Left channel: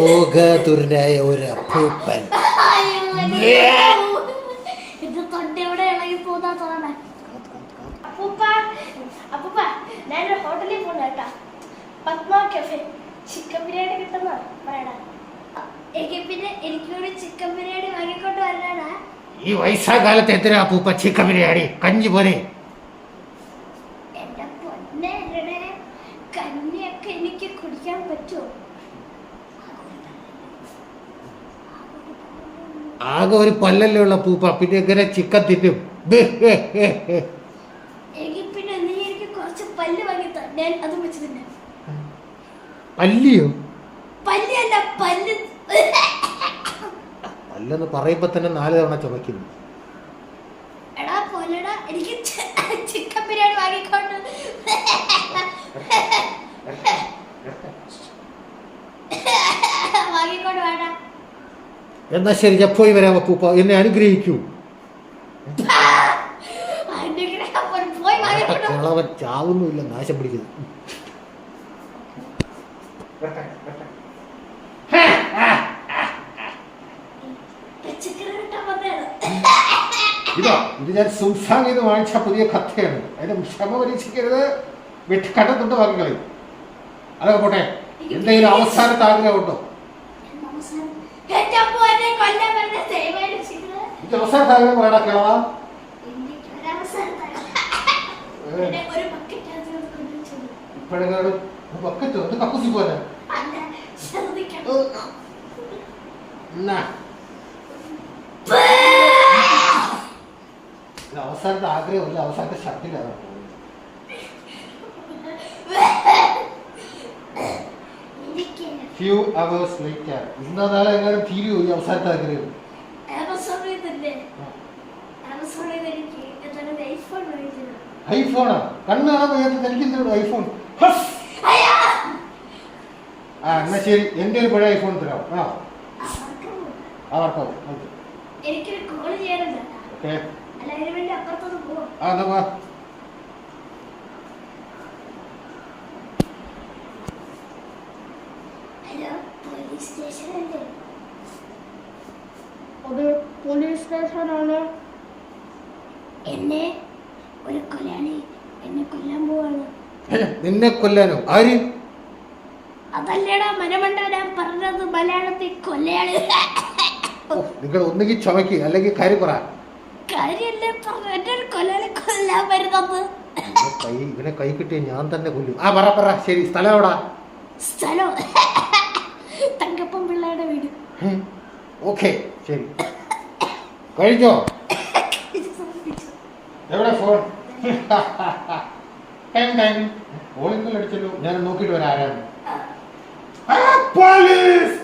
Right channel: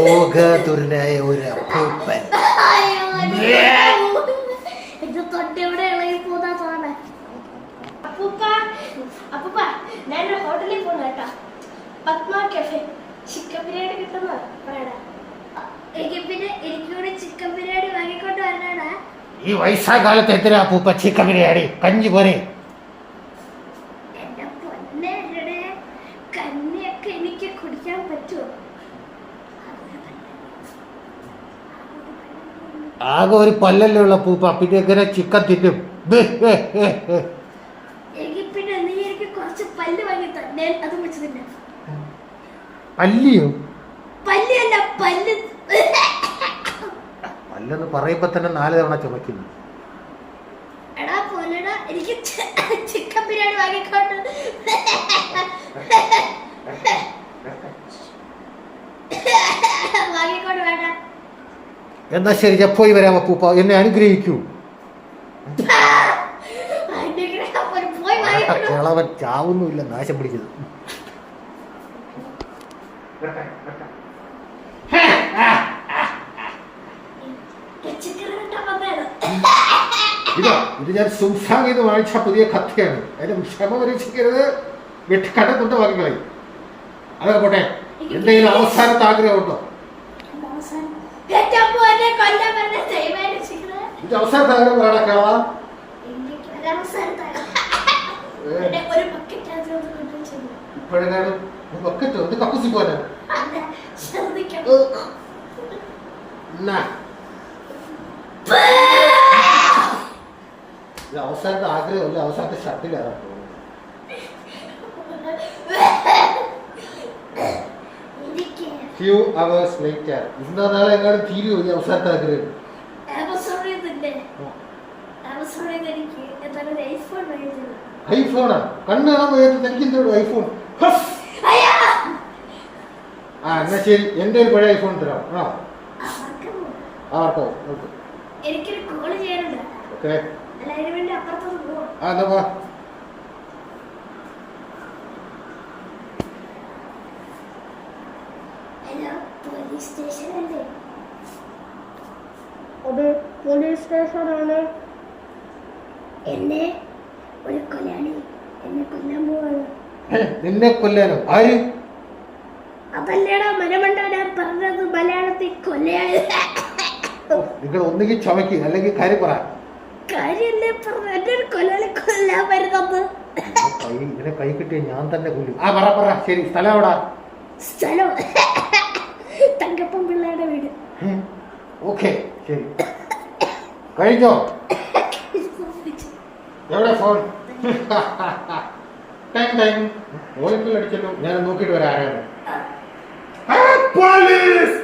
രോഗതുരനായ ഒരു അപ്പൂപ്പൻ. തൊണ്ടയുടെ ഇളകി പോകാ തോന്നേ. അപ്പൂപ്പ അപ്പൂപ്പ ഞാൻ ഹോട്ടലിൽ പോണ കേട്ടാ. പത്മ കഫേ ചിക്കൻ ബിരിയാണി കിട്ടുന്ന പറയടാ. പിന്നെ എനിക്കൂടെ ചിക്കൻ ബിരിയാണി വാങ്ങിക്കൊണ്ട് വരണടാ. ഈ വയസ്സാകാലത്ത് എത്ര അപ്പൂപ്പ ചിക്കൻ ബിരിയാണി? കഞ്ഞി പോരെ? എന്റെ പൊന്നെ കഞ്ഞിയൊക്കെ എനിക്ക് കുടിക്കാൻ പറ്റുമോ? ആകെ ഒരു പല്ലല്ലേ ഉള്ള പൂപ്പ, പിന്നെ എങ്ങനെ ചിക്കൻ തിന്നും? പിന്നെ നീ എനിക്ക് കുറച്ച് പല്ല് വാങ്ങി തന്നെ അത് വെച്ച് തിന്നെ. പല്ലിയോ? പല്ലല്ല പല്ല്. പല്ലെന്ന് പറയുമ്പോ തന്നെ 4 തവണ ചുമക്കുന്നു. എടാ പോലെടാ എനിക്ക് ചിക്കൻ ബിരിയാണി വാങ്ങിക്കൊണ്ട് വേണ്ട. എന്നാ ശരി, ഞാൻ പോയി വരാം അപ്പൂപ്പ, എന്നെ അനുഗ്രഹിക്കൂ. കിളവൻ ചാവുന്നുമില്ല, നാശം പിടിക്കുന്നു. ഇത് ഞാൻ സുൽസാങ്ങിന്ന് വാങ്ങിച്ച പുതിയ കഥയാണ്. അതിന് ക്ഷമ പരീക്ഷിക്കരുത്, കണ്ടത്തുണ്ട് വാങ്ങിക്കളി. അതൊക്കെ പോട്ടെ, എന്തെങ്കിലും അവസാനത്തെ ആഗ്രഹമുണ്ടോ? ഇത് അവസാനത്തെ ആഗ്രഹം വേണം കിളവാ. ഇപ്പോഴെങ്ങാനും ബക്കറ്റ് ഉണ്ട്, കപ്പൂസി പോലെ. ഇത് അവസാനത്തെ ആഗ്രഹമില്ല, അവസാനത്തെ ഷട്ടിലാണ്. Few hours later, ഇന്നോ നാളെ എങ്ങാനും തീരുവോ ഈ അവസാനത്തെ ആഗ്രഹം? ഐഫോണാ? കണ്ണ് കാണാൻ പോയത് എനിക്കെന്തോ ഐഫോൺ. എന്നാ ശരി, എന്റെ ഒരു പഴയ ഐഫോൺ തരാം. എനിക്കൊരു കോള് ചെയ്യാനുണ്ട്. എല്ലാവരും വേണ്ടി അപ്പുറത്തോട്ട് പോവാം. ഹലോ, പോലീസ് സ്റ്റേഷൻ അല്ലേ? അത് പോലീസ് സ്റ്റേഷനാണ്. എന്നെ ഒരു കൊല്ലാണി എന്നെ കൊല്ലാൻ പോവാണ്. നിന്നെ കൊല്ലാനോ? ആര്? അതല്ലടാ മനമണ്ട, ഞാൻ പറഞ്ഞത് മലയാളത്തിൽ കൊല്ലയാണ്. നിങ്ങൾ ഒന്നുകിൽ ചമയ്ക്കുക അല്ലെങ്കിൽ കാര്യം പറ. കാര്യല്ലേ പറഞ്ഞു, എന്റെ ഒരു കൊല്ലാളി കൊല്ലാൻ വരുന്നത്. ഇവനെ കൈ കിട്ടിയ ഞാൻ തന്നെ കൊല്ലും. പറ. ശരി, സ്ഥലം എവിടാ? സ്ഥലം തങ്കപ്പൻ പിള്ളയുടെ വീട്. ഓക്കെ, ശരി. കഴിഞ്ഞോ? എവിടെ ഫോൺ? ഓയിൽ അടിച്ചല്ലോ. ഞാൻ നോക്കിട്ട് വരാം ആരാണ്. പോലീസ്!